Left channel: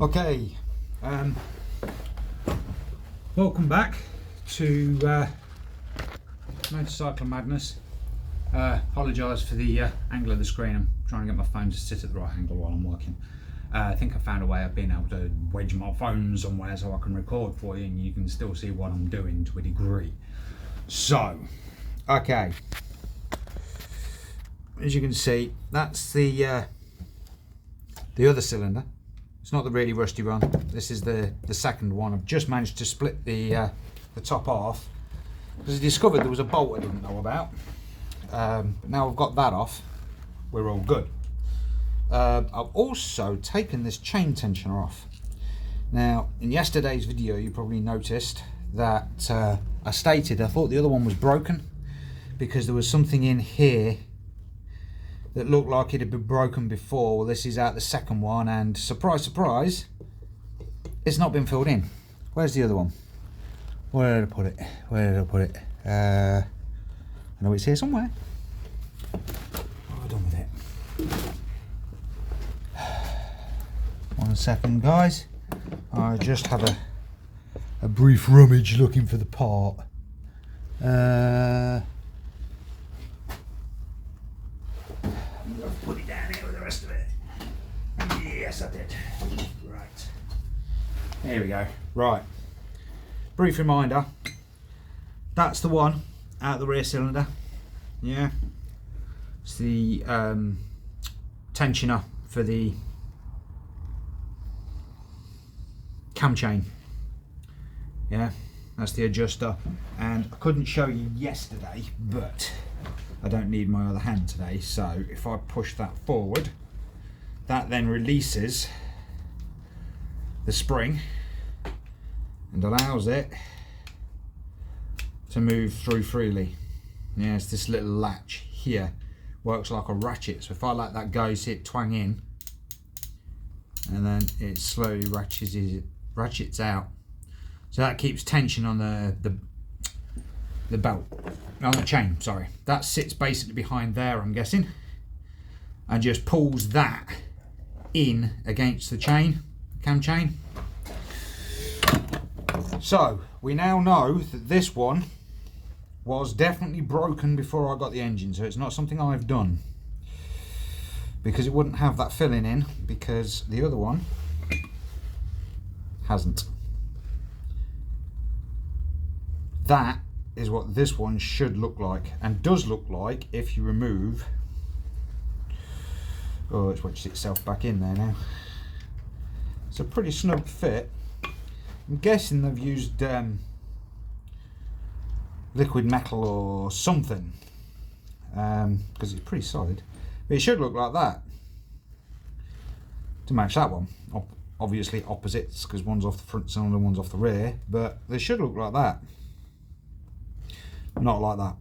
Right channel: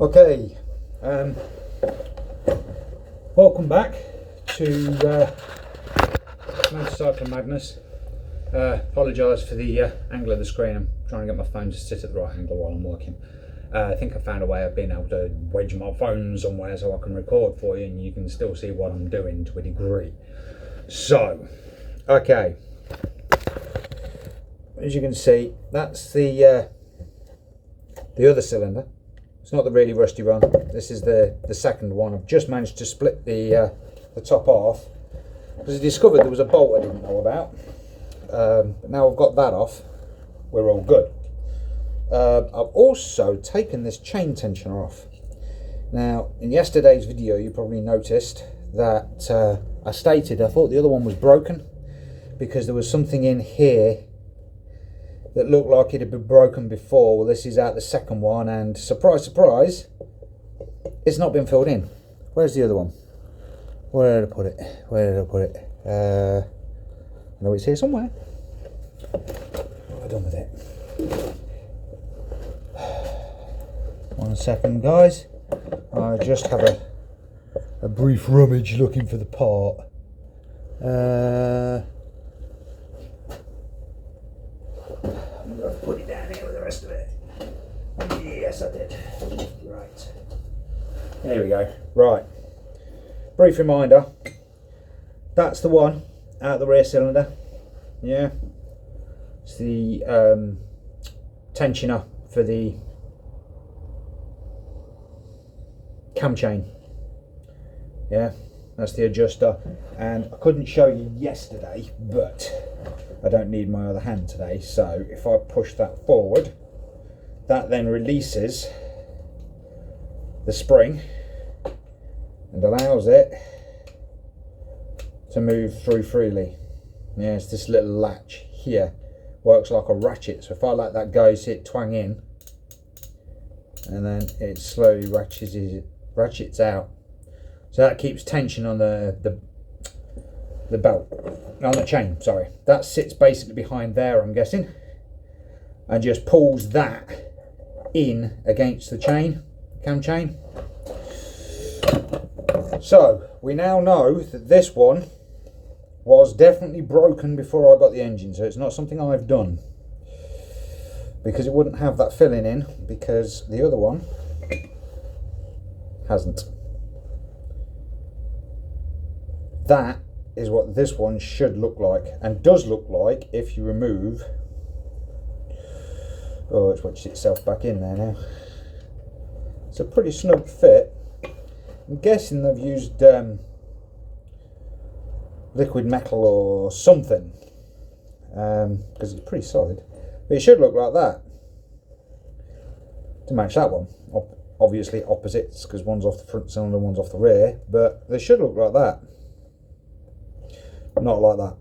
Okay, welcome back to Motorcycle Madness. Apologise for the angle of the screen. I'm trying to get my phone to sit at the right angle while I'm working. I think I found a way of being able to wedge my phone somewhere so I can record for you and you can still see what I'm doing to a degree. So, okay, as you can see, that's the other cylinder. It's not the really rusty one. This is the second one. I've just managed to split the top off because I discovered there was a bolt I didn't know about. But now I've got that off, we're all good. I've also taken this chain tensioner off. Now, in yesterday's video, you probably noticed that I stated I thought the other one was broken because there was something in here that looked like it had been broken before. Well, this is out the second one, and surprise, surprise, it's not been filled in. Where's the other one? Where did I put it? Where did I put it? I know it's here somewhere. What have I done with it? 1 second, guys. I just have a brief rummage looking for the part. I've put it down here with the rest of it. Yes, I did. Right. There we go. Right. Brief reminder. That's the one out the rear cylinder. Yeah. It's the tensioner for the cam chain. Yeah. That's the adjuster. And I couldn't show you yesterday, but I don't need my other hand today, so if I push that forward, that then releases the spring and allows it to move through freely. Yeah, it's this little latch here, works like a ratchet, so if I let that go, see it twang in, and then it slowly ratchets out. So that keeps tension on the belt, on the chain, sorry. That sits basically behind there, I'm guessing, and just pulls that in against the chain, cam chain. So we now know that this one was definitely broken before I got the engine, so it's not something I've done, because it wouldn't have that filling in, because the other one hasn't. That is what this one should look like, and does look like if you remove. Oh, it's wedged itself back in there now. It's a pretty snug fit. I'm guessing they've used liquid metal or something, because it's pretty solid. But it should look like that to match that one. Obviously opposites, because one's off the front cylinder, one's off the rear, but they should look like that. Not like that.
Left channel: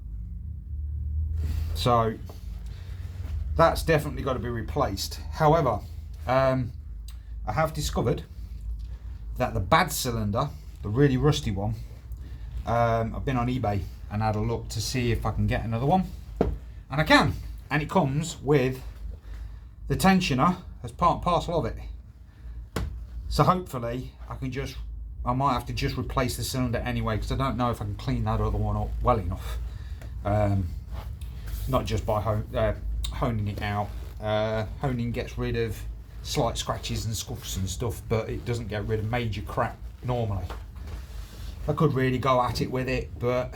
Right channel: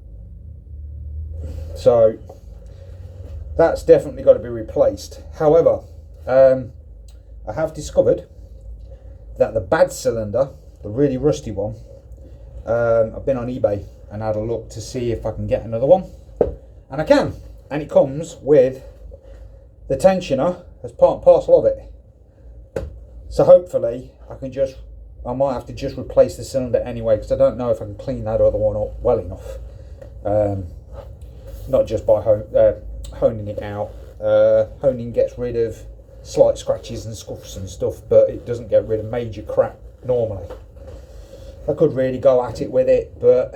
So that's definitely got to be replaced. However, I have discovered that the bad cylinder, the really rusty one, I've been on eBay and had a look to see if I can get another one, and I can, and it comes with the tensioner as part and parcel of it. So hopefully I might have to just replace the cylinder anyway, because I don't know if I can clean that other one up well enough. Not just by honing it out. Honing gets rid of slight scratches and scuffs and stuff, but it doesn't get rid of major crap normally. I could really go at it with it, but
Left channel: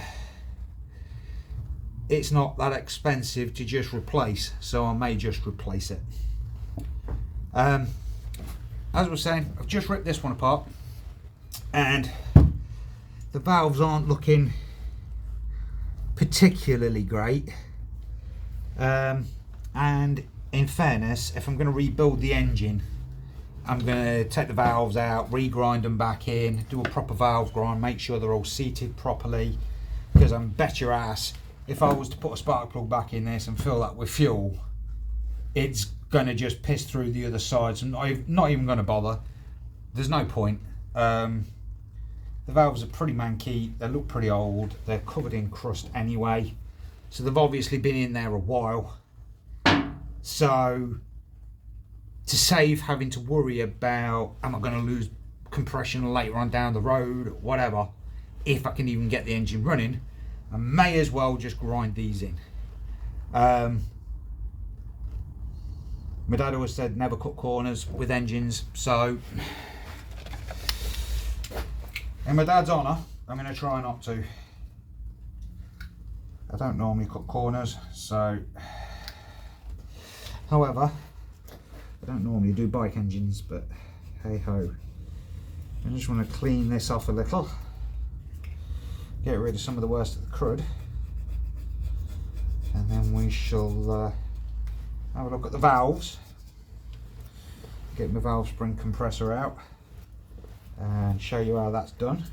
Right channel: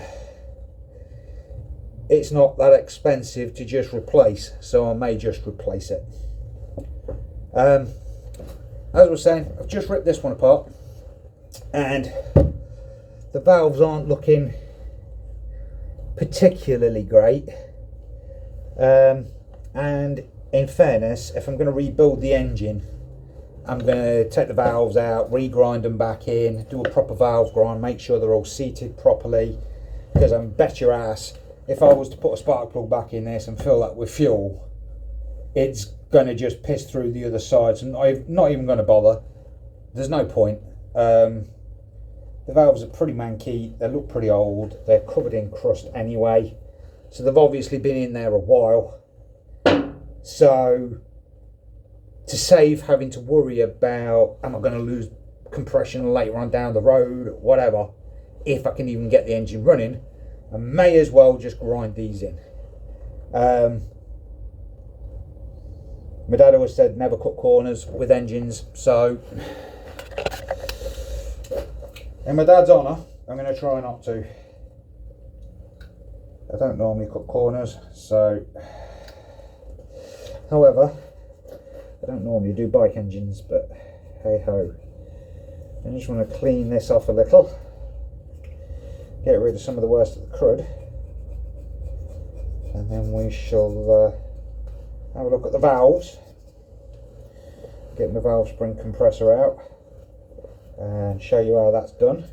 it's not that expensive to just replace, so I may just replace it. As I was saying, I've just ripped this one apart, and the valves aren't looking particularly great, and in fairness, if I'm going to rebuild the engine, I'm going to take the valves out, regrind them back in, do a proper valve grind, make sure they're all seated properly, because I'm bet your ass if I was to put a spark plug back in this and fill that with fuel, it's going to just piss through the other side, so I'm not even going to bother. There's no point. The valves are pretty manky, they look pretty old, they're covered in crust anyway, so they've obviously been in there a while. So to save having to worry about, am I going to lose compression later on down the road, whatever, if I can even get the engine running, I may as well just grind these in. My dad always said never cut corners with engines, so in my dad's honour, I'm going to try not to. I don't normally cut corners, so, however, I don't normally do bike engines, but hey ho. I just want to clean this off a little, get rid of some of the worst of the crud, and then we shall have a look at the valves, get my valve spring compressor out and show you how that's done.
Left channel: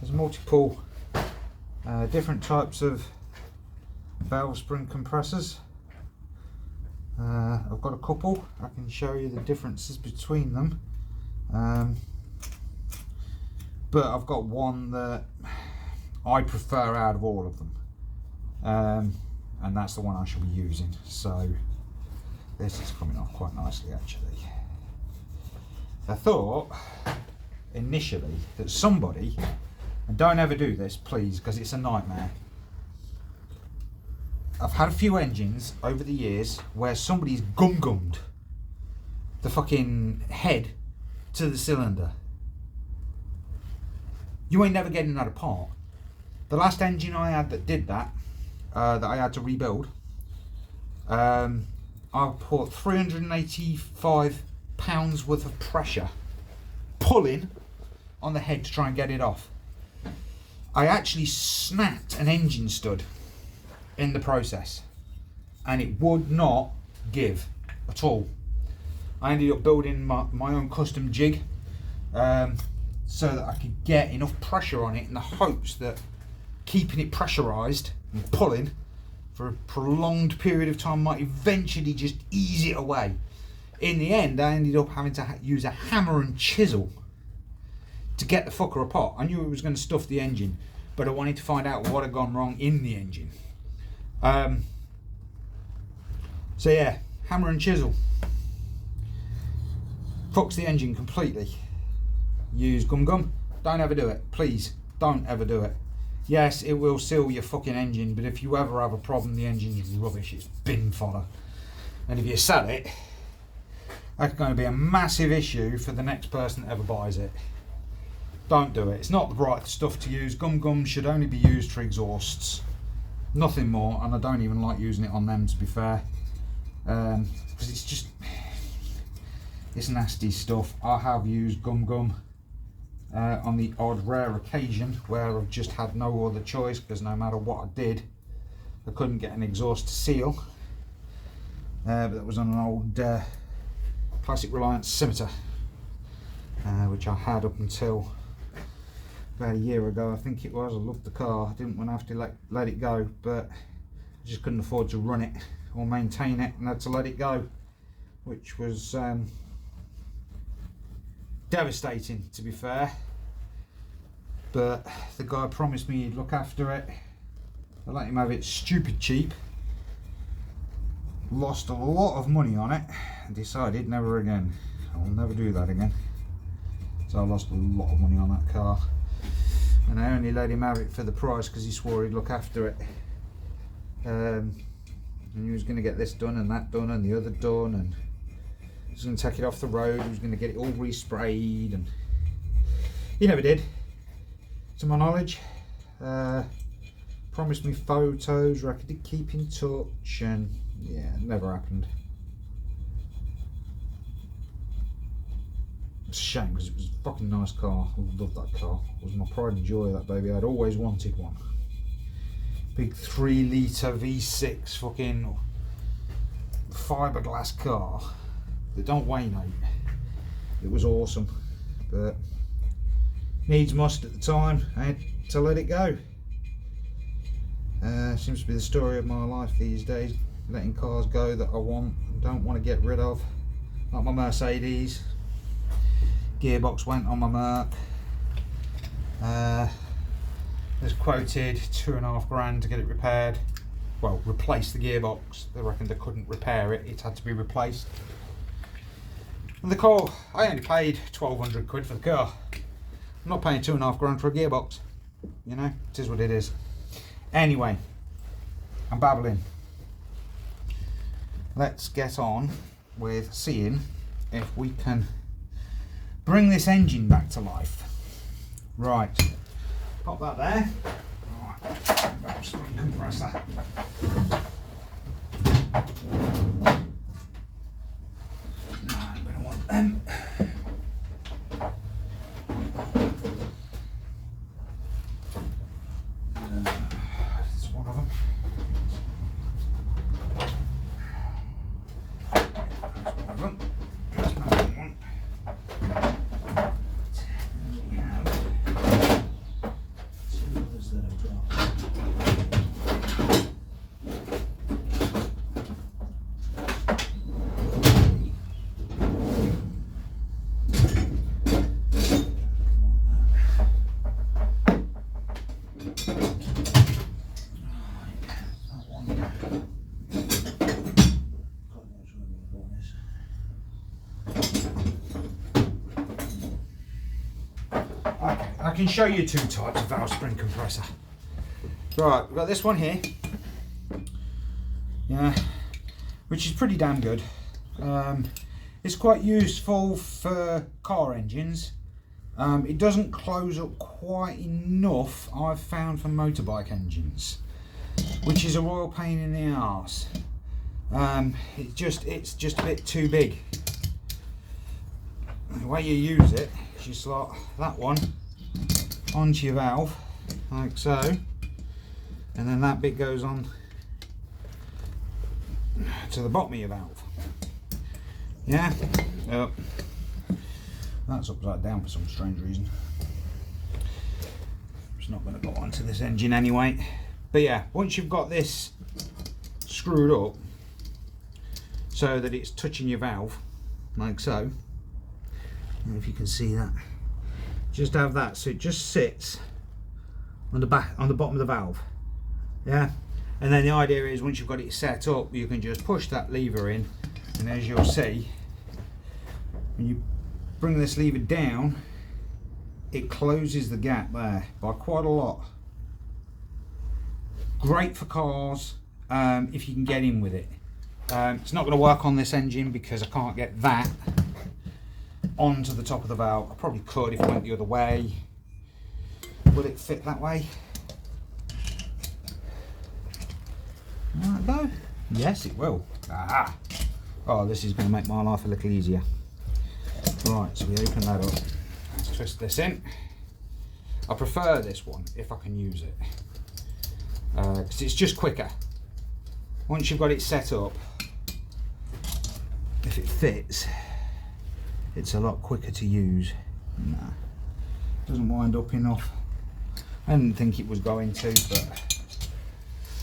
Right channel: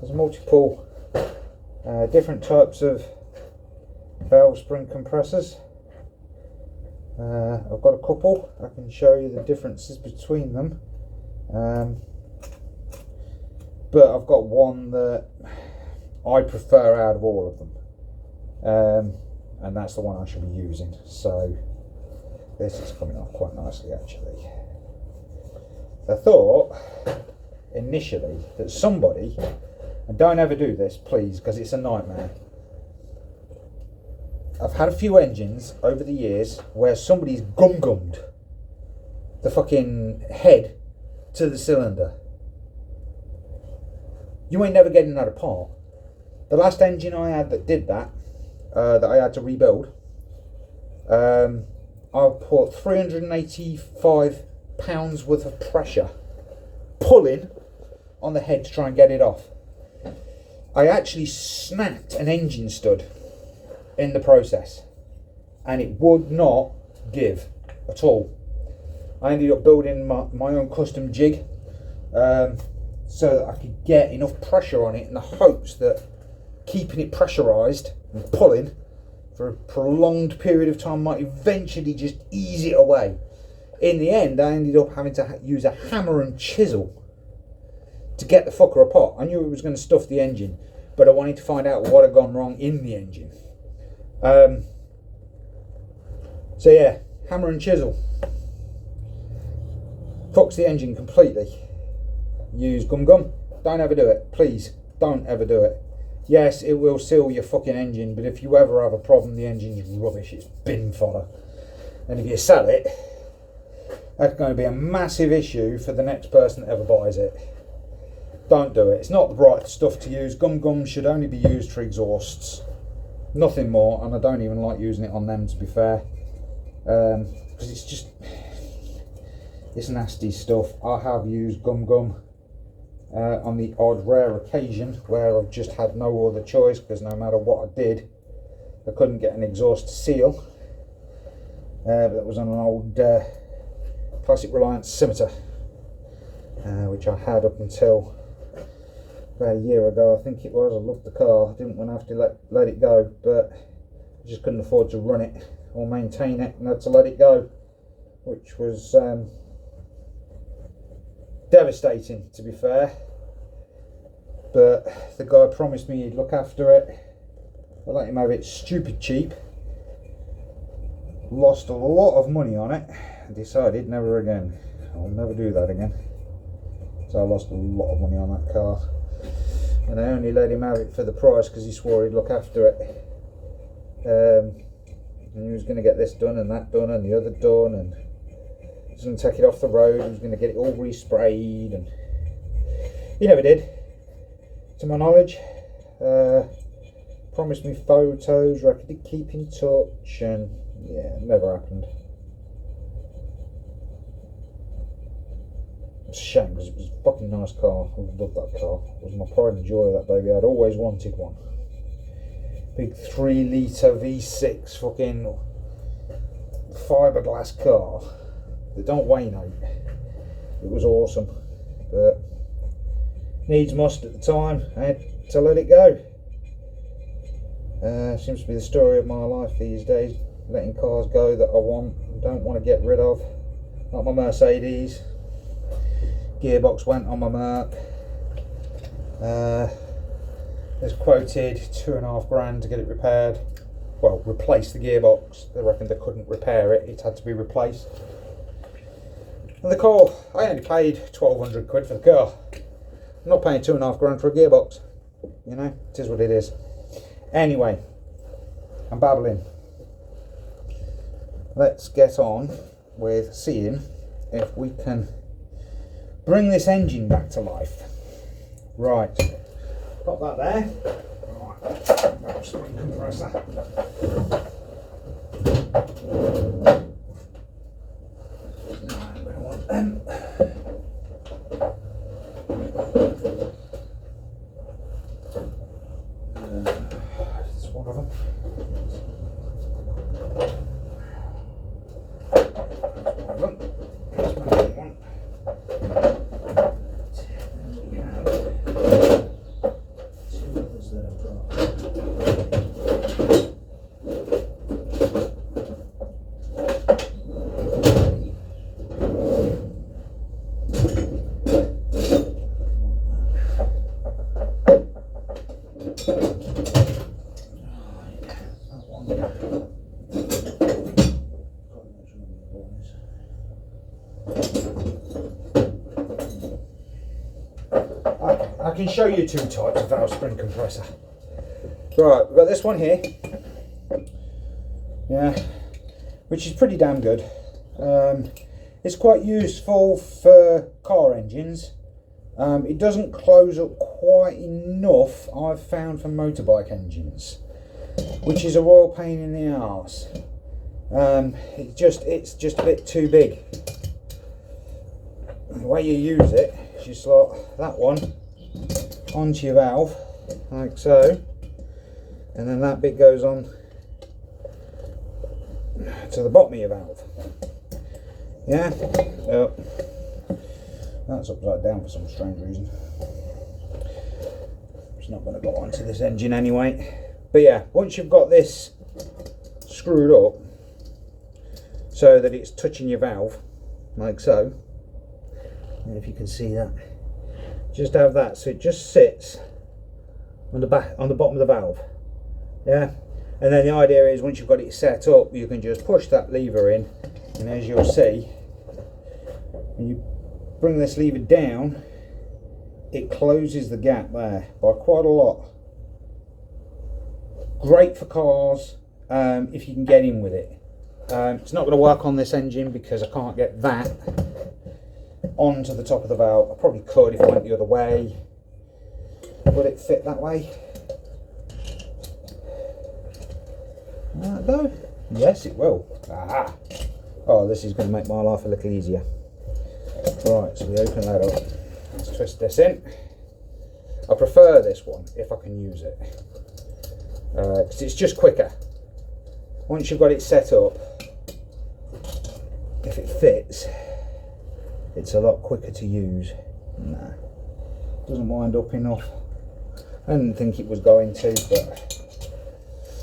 There's multiple different types of valve spring compressors. I've got a couple, I can show you the differences between them, but I've got one that I prefer out of all of them, and that's the one I shall be using. So this is coming off quite nicely actually. I thought initially that somebody, and don't ever do this please because it's a nightmare, I've had a few engines over the years where somebody's gummed the fucking head to the cylinder. You ain't never getting that apart. The last engine I had that did that, that I had to rebuild, I put 385 pounds worth of pressure pulling on the head to try and get it off. I actually snapped an engine stud in the process and it would not give at all. I ended up building my own custom jig so that I could get enough pressure on it in the hopes that keeping it pressurized and pulling for a prolonged period of time might eventually just ease it away. In the end, I ended up having to use a hammer and chisel to get the fucker apart. I knew it was going to stuff the engine, but I wanted to find out what had gone wrong in the engine. So yeah, hammer and chisel. Fucks the engine completely. Use gum. Don't ever do it, please. Don't ever do it. Yes, it will seal your fucking engine, but if you ever have a problem, the engine's rubbish. It's bin fodder. And if you sell it, that's going to be a massive issue for the next person that ever buys it. Don't do it. It's not the right stuff to use. Gum should only be used for exhausts. Nothing more, and I don't even like using it on them, to be fair. Because it's just, it's nasty stuff. I have used gum on the odd rare occasion where I've just had no other choice, because no matter what I did, I couldn't get an exhaust to seal. But that was on an old Classic Reliance Scimitar, which I had up until about a year ago, I think it was. I loved the car. I didn't want to have to let it go, but I just couldn't afford to run it or maintain it, and had to let it go, which was devastating, to be fair. But the guy promised me he'd look after it. I let him have it stupid cheap. Lost a lot of money on it and decided never again. I'll never do that again. So I lost a lot of money on that car, and I only let him have it for the price because he swore he'd look after it. And he was going to get this done and that done and the other done, and he was going to take it off the road. He was going to get it all resprayed, and he never did, to my knowledge. Promised me photos, reckon he'd keep in touch, and yeah, it never happened. It's a shame because it was a fucking nice car. I loved that car. It was my pride and joy, that baby. I'd always wanted one. Big 3 litre V6 fucking fiberglass car that don't weigh no. It was awesome, but needs must at the time. I had to let it go. Seems to be the story of my life these days, letting cars go that I want and don't want to get rid of. Like my Mercedes. Gearbox went on my Merc. Was quoted £2.5 grand to get it repaired. well, replace the gearbox. They reckon they couldn't repair it, it had to be replaced. And the car, I only paid 1,200 quid for the car. I'm not paying 2.5 grand for a gearbox. You know, it is what it is. Anyway, I'm babbling. Let's get on with seeing if we can bring this engine back to life. Right, pop that there. Right, spring compressor. No, I'm going to want them. This is one of them. That's one of them. I can show you two types of valve spring compressor. Right, we've got this one here, yeah, which is pretty damn good. It's quite useful for car engines. It doesn't close up quite enough, I've found, for motorbike engines, which is a royal pain in the arse. It's just a bit too big. The way you use it, you slot that one onto your valve, like so, and then that bit goes on to the bottom of your valve. Yeah, oh, that's upside down for some strange reason. It's not going to go onto this engine anyway. But yeah, once you've got this screwed up so that it's touching your valve, like so, if you can see that, just have that so it just sits on the bottom of the valve. Yeah, and then the idea is once you've got it set up, you can just push that lever in, and as you'll see, when you bring this lever down, it closes the gap there by quite a lot. Great for cars if you can get in with it. It's not going to work on this engine because I can't get that onto the top of the valve. I probably could if I went the other way. Will it fit that way? Will that go? Yes, it will. Aha! Oh, this is going to make my life a little easier. Right, so we open that up. Let's twist this in. I prefer this one if I can use it, because it's just quicker. Once you've got it set up, if it fits, it's a lot quicker to use. Nah, doesn't wind up enough. I didn't think it was going to, but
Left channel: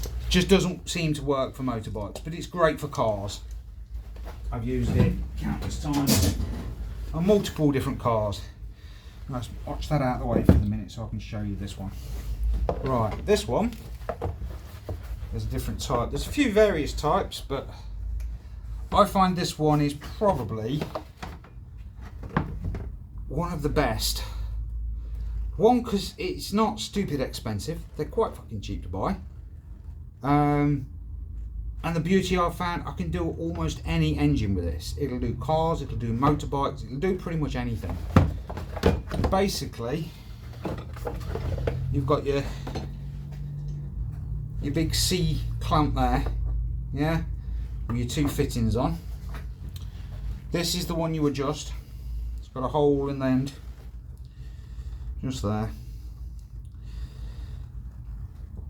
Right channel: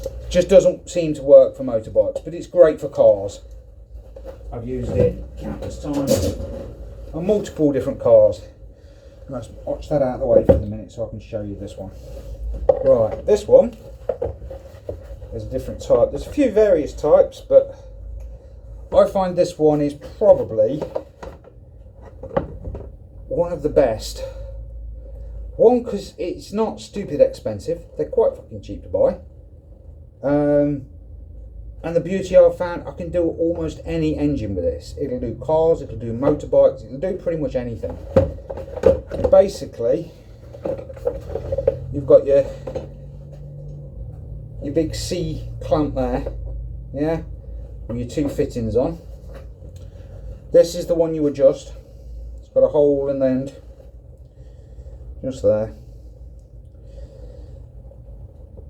it just doesn't seem to work for motorbikes, but it's great for cars. I've used it countless times on multiple different cars. Let's watch that out of the way for the minute so I can show you this one. Right, this one, there's a different type. There's a few various types, but I find this one is probably one of the best. One, because it's not stupid expensive. They're quite fucking cheap to buy. And the beauty I've found, I can do almost any engine with this. It'll do cars, it'll do motorbikes, it'll do pretty much anything. Basically, you've got your big C clamp there, yeah, with your two fittings on. This is the one you adjust. It's got a hole in the end, just there.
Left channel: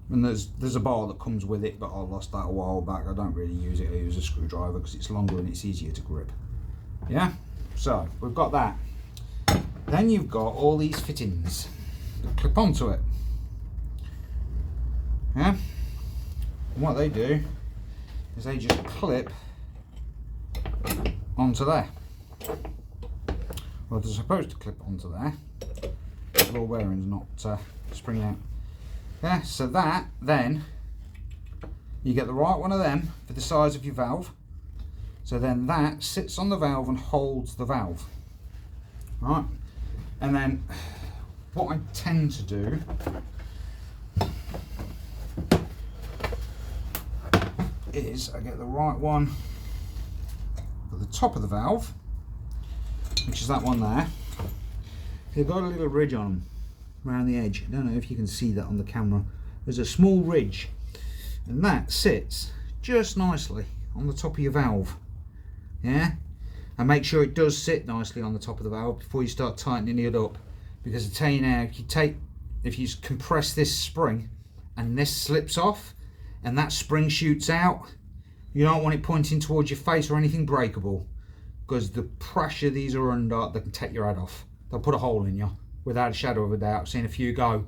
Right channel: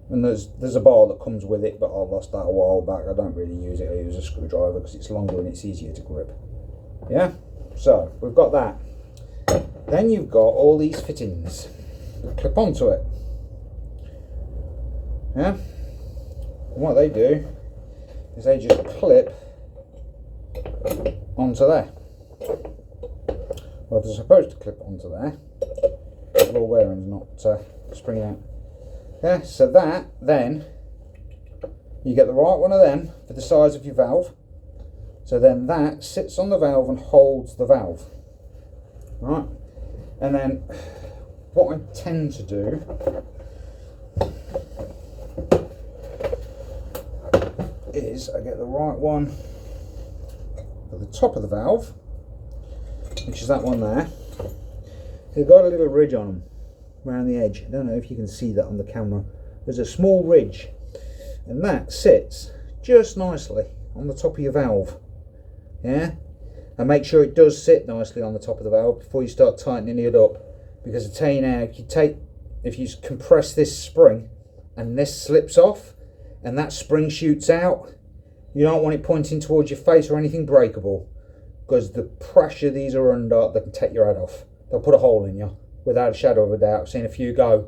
And there's a bar that comes with it, but I lost that a while back. I don't really use it. I use a screwdriver because it's longer and it's easier to grip. Yeah, so we've got that. Then you've got all these fittings that clip onto it. Yeah, and what they do is they just clip onto there. Well, they're supposed to clip onto there. The ball bearing's not springing out. Yeah, so that then You get the right one of them for the size of your valve. So then that sits on the valve and holds the valve. Right? And then what I tend to do is I get the right one at the top of the valve, which is that one there. They've got a little ridge on them around the edge. I don't know if you can see that on the camera. There's a small ridge, and that sits just nicely on the top of your valve. Yeah, and make sure it does sit nicely on the top of the valve before you start tightening it up, because I tell you now, if you compress this spring and this slips off and that spring shoots out, you don't want it pointing towards your face or anything breakable, because the pressure these are under, they can take your head off. They'll put a hole in you without a shadow of a doubt. I've seen a few go,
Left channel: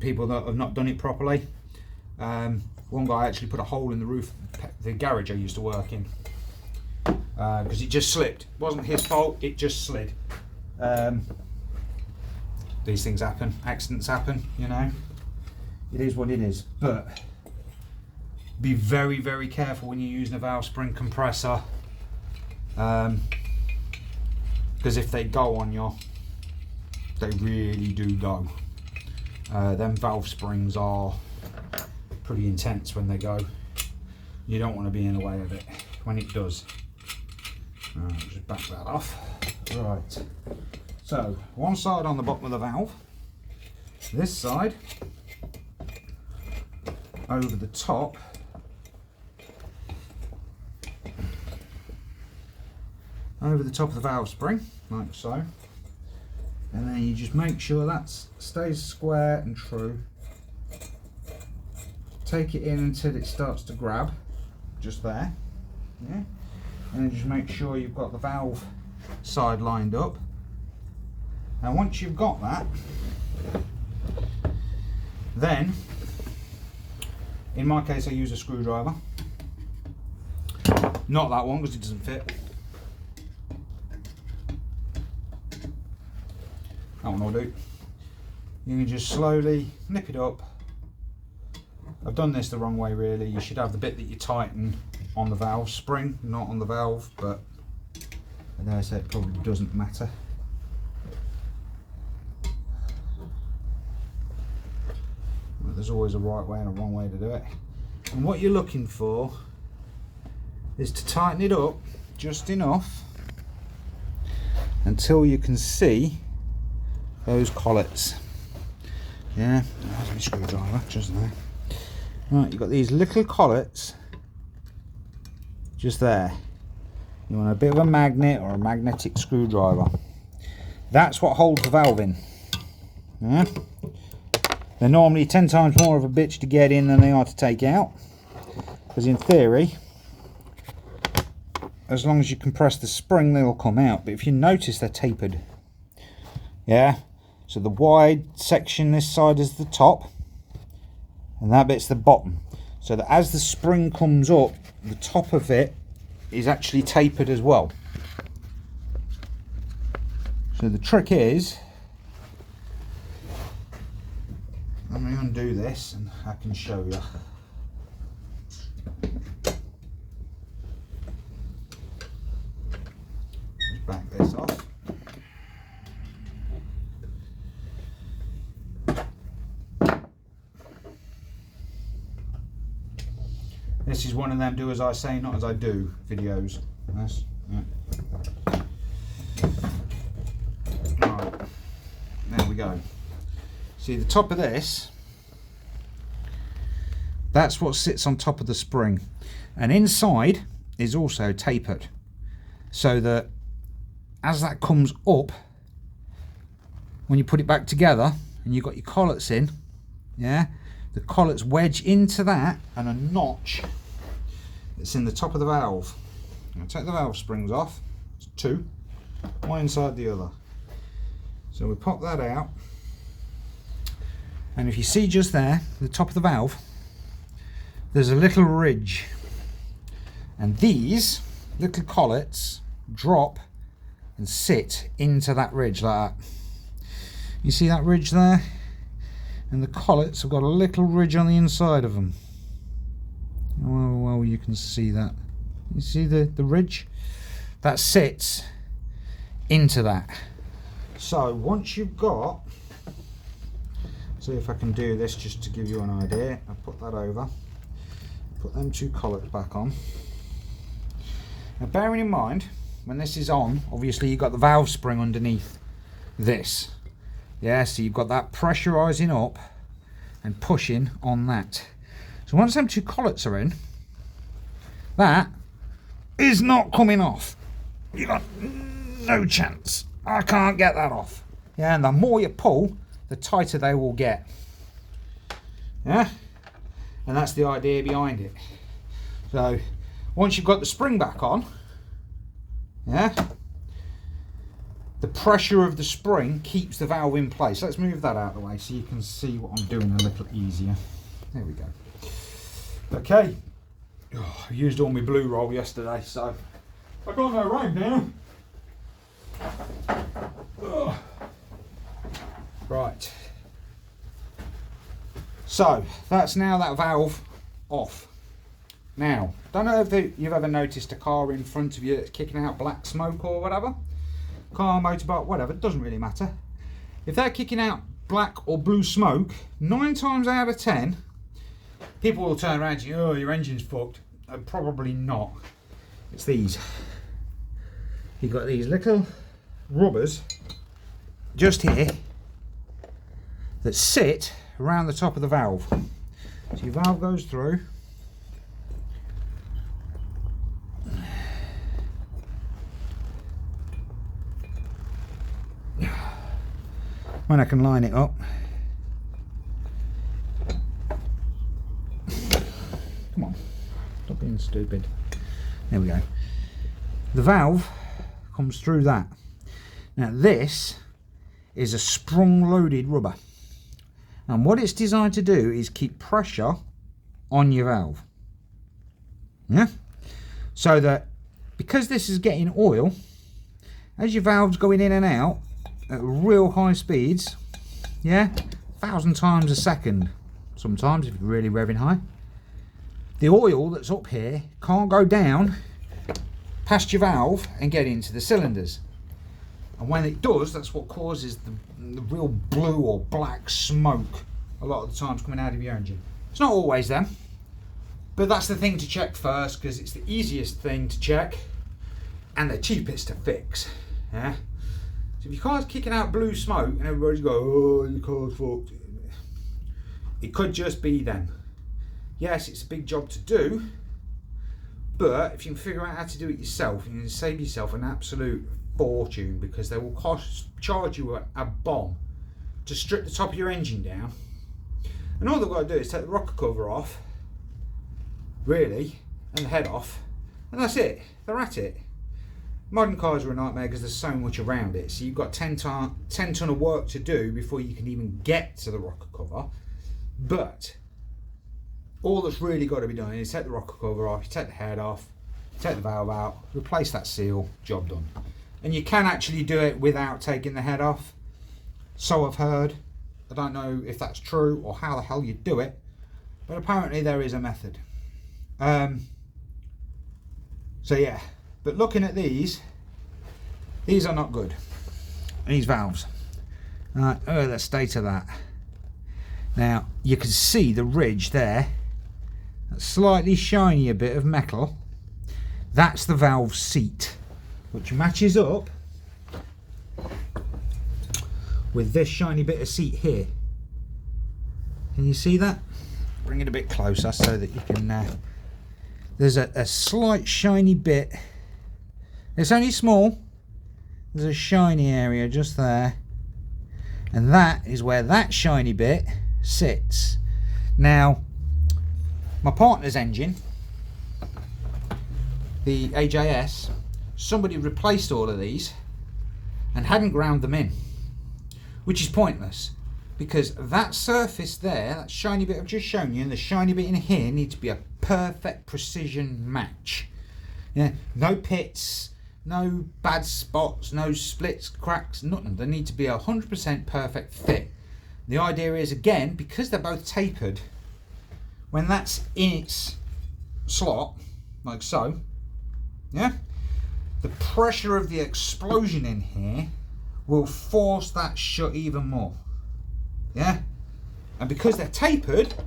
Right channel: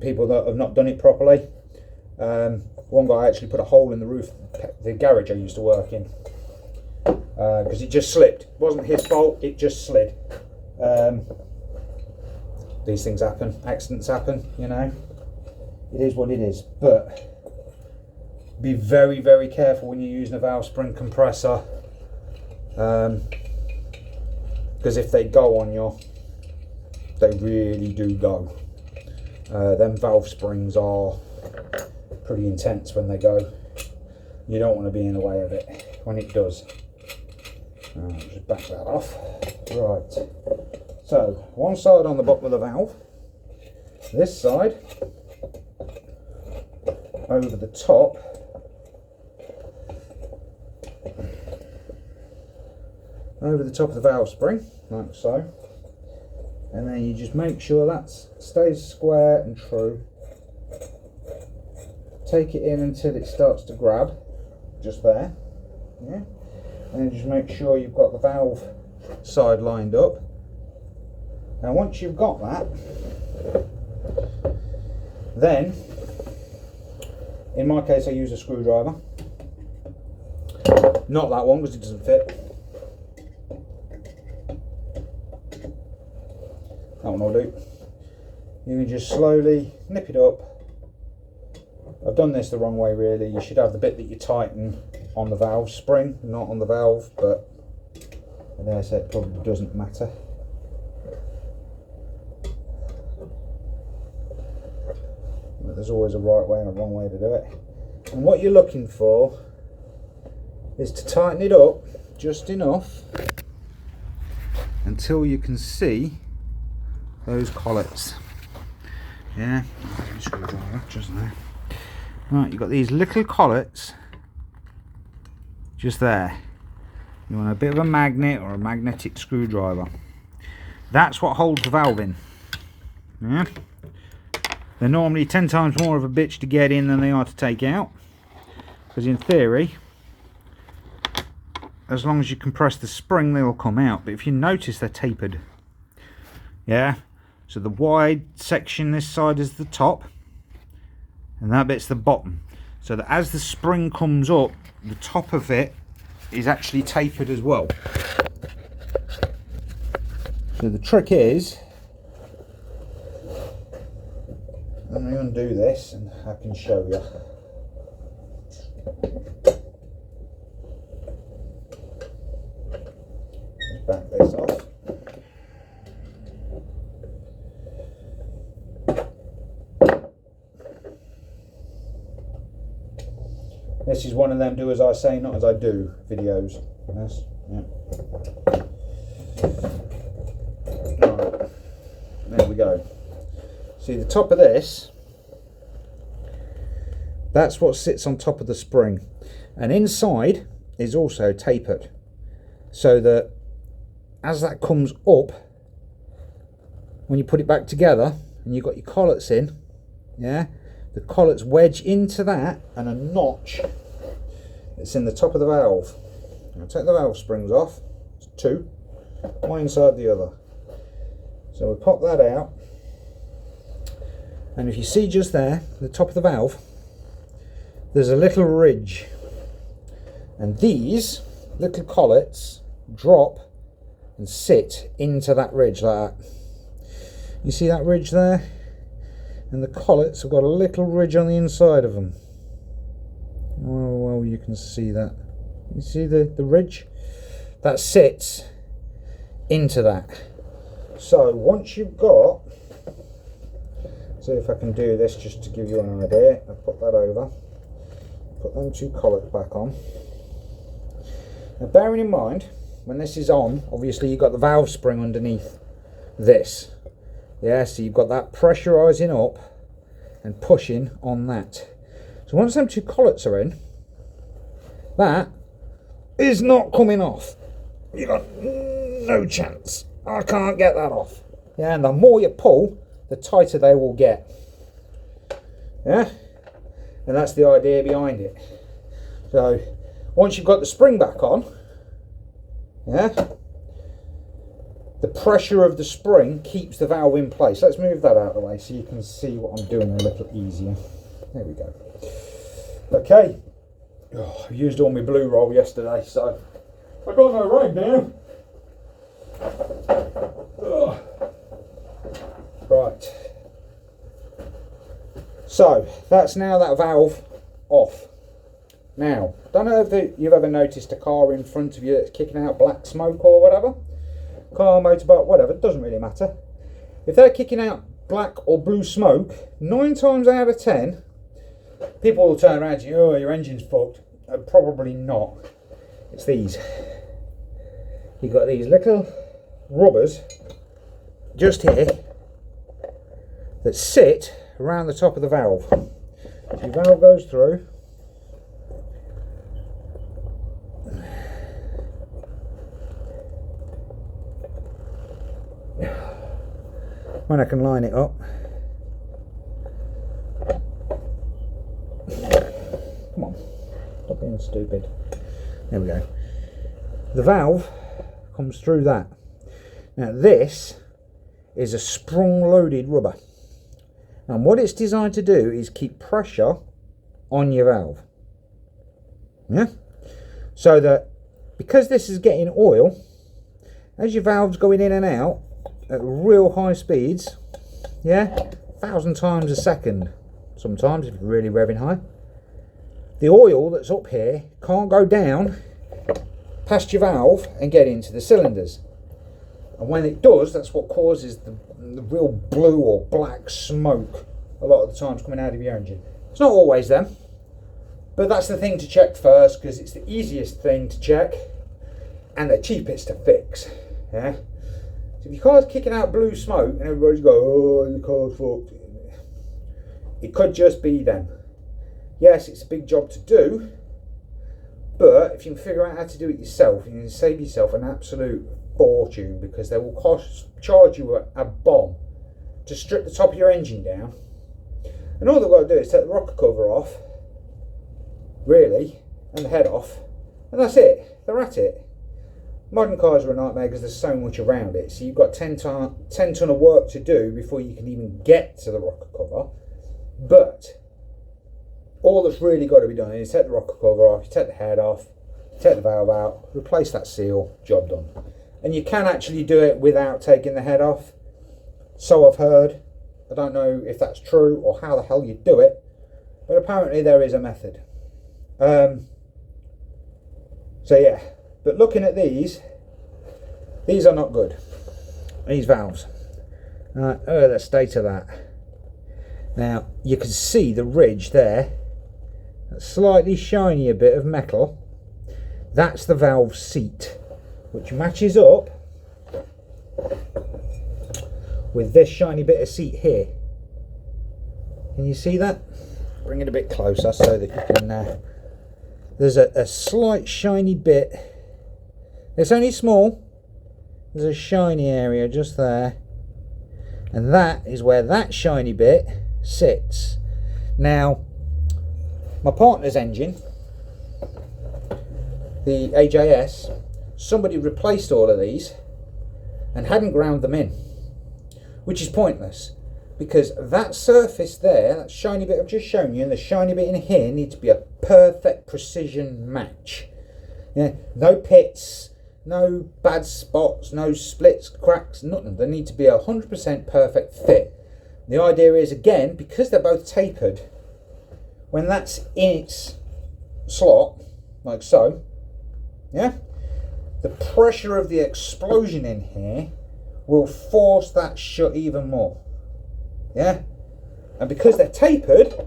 people that have not done it properly. One guy actually put a hole in the roof of the garage I used to work in, because it just slipped. It wasn't his fault, it just slid. These things happen, accidents happen, you know. It is what it is. But be very, very careful when you're using a valve spring compressor, because if they go on you, they really do go. Them valve springs are pretty intense when they go. You don't want to be in the way of it when it does. Just back that off. Right, so one side on the bottom of the valve, this side over the top, of the valve spring, like so, and then you just make sure that stays square and true. Take it in until it starts to grab, just there, yeah, and just make sure you've got the valve side lined up. Now once you've got that, then in my case I use a screwdriver, not that one because it doesn't fit. That one will do. You can just slowly nip it up. I've done this the wrong way really. You should have the bit that you tighten on the valve spring, not on the valve, but I dare say it probably doesn't matter. But there's always a right way and a wrong way to do it. And what you're looking for is to tighten it up just enough until you can see those collets. Yeah, there's my screwdriver just there. Right, you've got these little collets just there. You want a bit of a magnet or a magnetic screwdriver. That's what holds the valve in. Yeah, they're normally 10 times more of a bitch to get in than they are to take out, because in theory, as long as you compress the spring, they'll come out. But if you notice, they're tapered. Yeah, so the wide section this side is the top, and that bit's the bottom. So that as the spring comes up, the top of it is actually tapered as well. So the trick is, let me undo this and I can show you. Just back this off. This is one of them do as I say, not as I do videos. Yes, yeah. Right, there we go. See the top of this, that's what sits on top of the spring, and inside is also tapered, so that as that comes up, when you put it back together and you've got your collets in, yeah, the collets wedge into that, and a notch that's in the top of the valve. I'll take the valve springs off. It's two, one inside the other. So we pop that out, and if you see just there, the top of the valve, there's a little ridge, and these little collets drop and sit into that ridge like that. You see that ridge there? And the collets have got a little ridge on the inside of them. Well, you can see that. You see the ridge? That sits into that. So once you've got, see if I can do this just to give you an idea. I'll put that over, put them two collets back on. Now bearing in mind, when this is on, obviously you've got the valve spring underneath this. Yeah, so you've got that pressurising up and pushing on that. So once them two collets are in, that is not coming off. You've got no chance. I can't get that off. Yeah, and the more you pull, the tighter they will get. Yeah, and that's the idea behind it. So once you've got the spring back on, yeah, the pressure of the spring keeps the valve in place. Let's move that out of the way so you can see what I'm doing a little easier. There we go. Okay, I used all my blue roll yesterday, so I got no rag now. Right, so that's now that valve off. Now, don't know if you've ever noticed a car in front of you that's kicking out black smoke or whatever. Car, motorbike, whatever, it doesn't really matter. If they're kicking out black or blue smoke, 9 times out of 10, people will turn around to you, oh, your engine's fucked. Probably not. It's these. You've got these little rubbers just here that sit around the top of the valve. So your valve goes through. When I can line it up. Come on, stop being stupid. There we go. The valve comes through that. Now this is a sprung loaded rubber. And what it's designed to do is keep pressure on your valve. Yeah? So that because this is getting oil, as your valve's going in and out at real high speeds, yeah, 1,000 times a second sometimes if you're really revving high, the oil that's up here can't go down past your valve and get into the cylinders. And when it does, that's what causes the real blue or black smoke a lot of the times coming out of your engine. It's not always them, but that's the thing to check first because it's the easiest thing to check and the cheapest to fix. Yeah. So if your car's kicking out blue smoke and everybody's going, oh, your car's fucked, it could just be them. Yes, it's a big job to do, but if you can figure out how to do it yourself, you can save yourself an absolute fortune because they will charge you a bomb to strip the top of your engine down. And all they've got to do is take the rocker cover off, really, and the head off, and that's it. They're at it. Modern cars are a nightmare because there's so much around it. So you've got 10 ton of work to do before you can even get to the rocker cover. But all that's really got to be done is take the rocker cover off, you take the head off, take the valve out, replace that seal, job done. And you can actually do it without taking the head off. So I've heard. I don't know if that's true or how the hell you do it, but apparently there is a method. So yeah, but looking at these are not good. These valves. Oh, the state of that. Now you can see the ridge there, that slightly shinier bit of metal. That's the valve seat, which matches up with this shiny bit of seat here. Can you see that? Bring it a bit closer so that you can there's a slight shiny bit. It's only small. There's a shiny area just there, and that is where that shiny bit sits. Now my partner's engine, the AJS, somebody replaced all of these and hadn't ground them in, which is pointless because that surface there, that shiny bit I've just shown you, and the shiny bit in here need to be a perfect precision match. Yeah, no pits, no bad spots, no splits, cracks, nothing. They need to be 100% perfect fit. The idea is, again, because they're both tapered, when that's in its slot, like so, yeah, the pressure of the explosion in here will force that shut even more, yeah? And because they're tapered,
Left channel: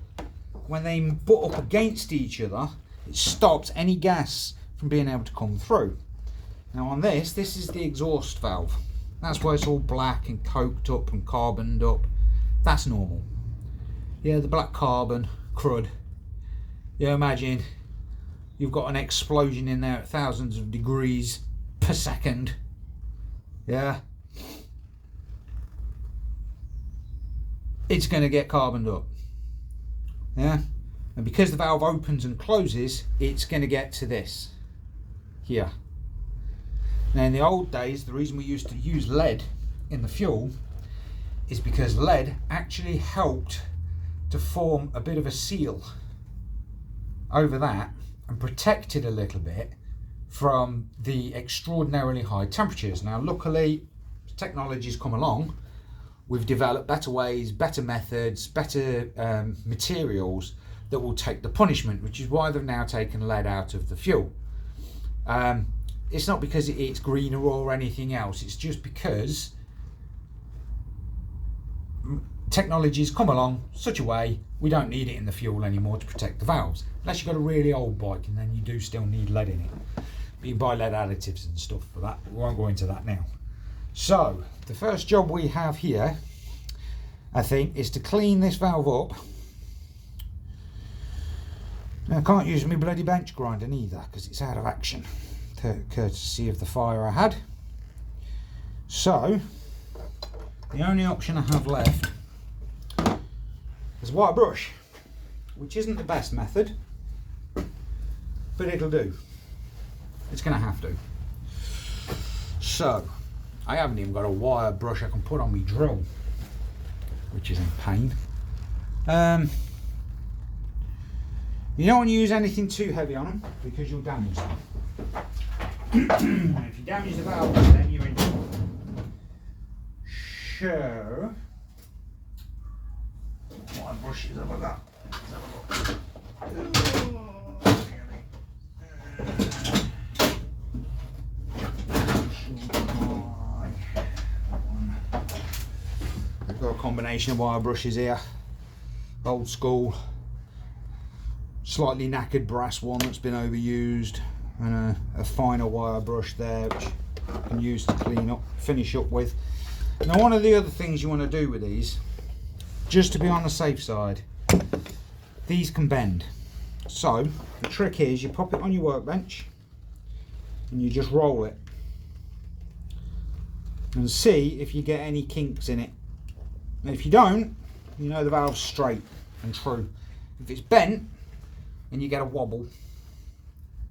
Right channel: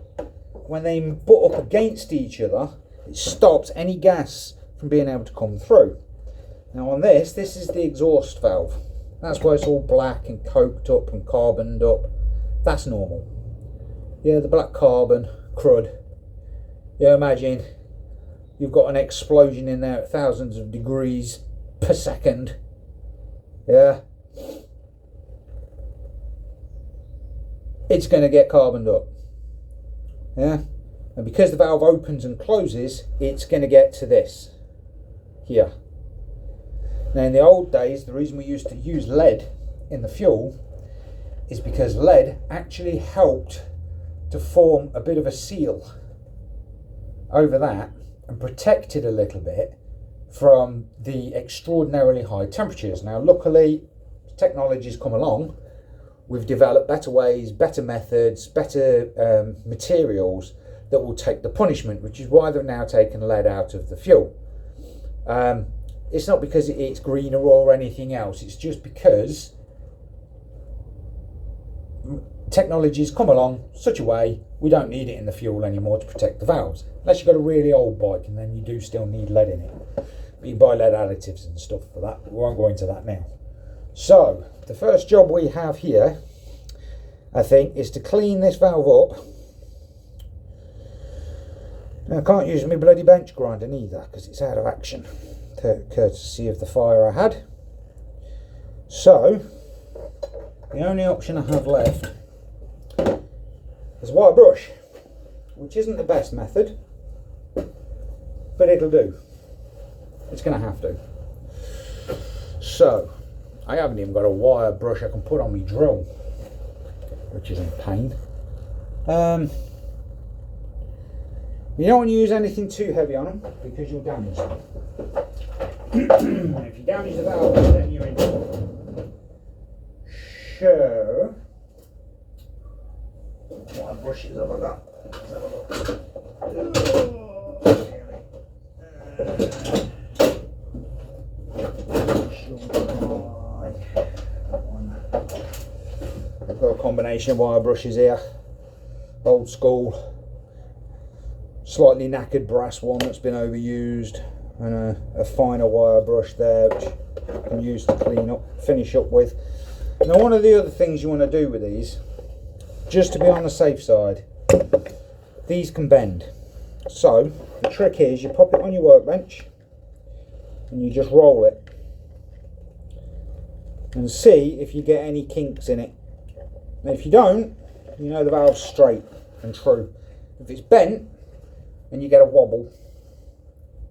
when they butt up against each other, it stops any gas from being able to come through. Now on this is the exhaust valve. That's why it's all black and coked up and carboned up. That's normal. Yeah, the black carbon, crud. Yeah, imagine you've got an explosion in there at thousands of degrees per second. Yeah. It's going to get carboned up. Yeah. And because the valve opens and closes, it's going to get to this here. Now in the old days, the reason we used to use lead in the fuel is because lead actually helped to form a bit of a seal over that and protect it a little bit from the extraordinarily high temperatures. Now luckily, technology's come along. We've developed better ways, better methods, better materials that will take the punishment, which is why they've now taken lead out of the fuel. It's not because it's greener or anything else, it's just because technology's come along such a way we don't need it in the fuel anymore to protect the valves. Unless you've got a really old bike, and then you do still need lead in it. But you can buy lead additives and stuff for that. We won't go into that now. So the first job we have here, I think, is to clean this valve up. Now, I can't use my bloody bench grinder neither because it's out of action, courtesy of the fire I had. So the only option I have left is a wire brush, which isn't the best method, but it'll do. It's going to have to. So I haven't even got a wire brush I can put on my drill, which is in pain. You don't want to use anything too heavy on them because you'll damage them. And if you damage the valve, then you're in trouble. So, what brushes have I got? Let's have a look. I've got a combination of wire brushes here. Old school, slightly knackered brass one that's been overused, and a finer wire brush there which you can use to clean up, finish up with. Now one of the other things you want to do with these, just to be on the safe side, these can bend. So the trick is you pop it on your workbench and you just roll it and see if you get any kinks in it. And if you don't, you know the valve's straight and true. If it's bent and you get a wobble,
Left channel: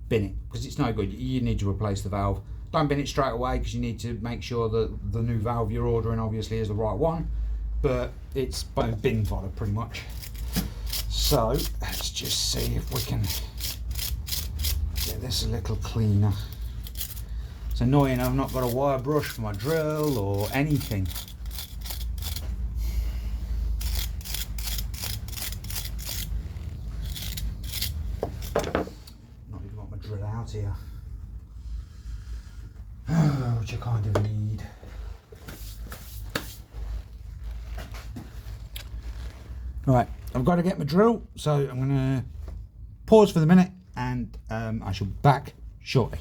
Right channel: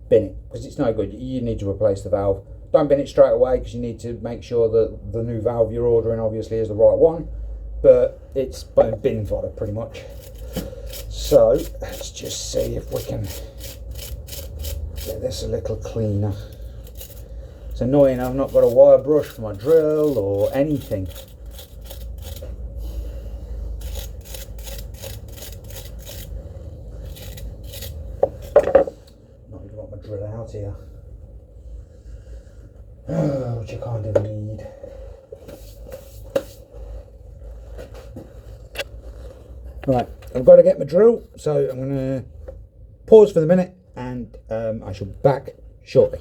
bin it, because it's no good. You need to replace the valve. Don't bin it straight away because you need to make sure that the new valve you're ordering obviously is the right one, but it's bin fodder pretty much. So let's just see if we can get this a little cleaner. It's annoying I've not got a wire brush for my drill or anything. Not even got my drill out here. Which I kind of need. Right, I've got to get my drill, so I'm going to pause for the minute and I shall be back shortly.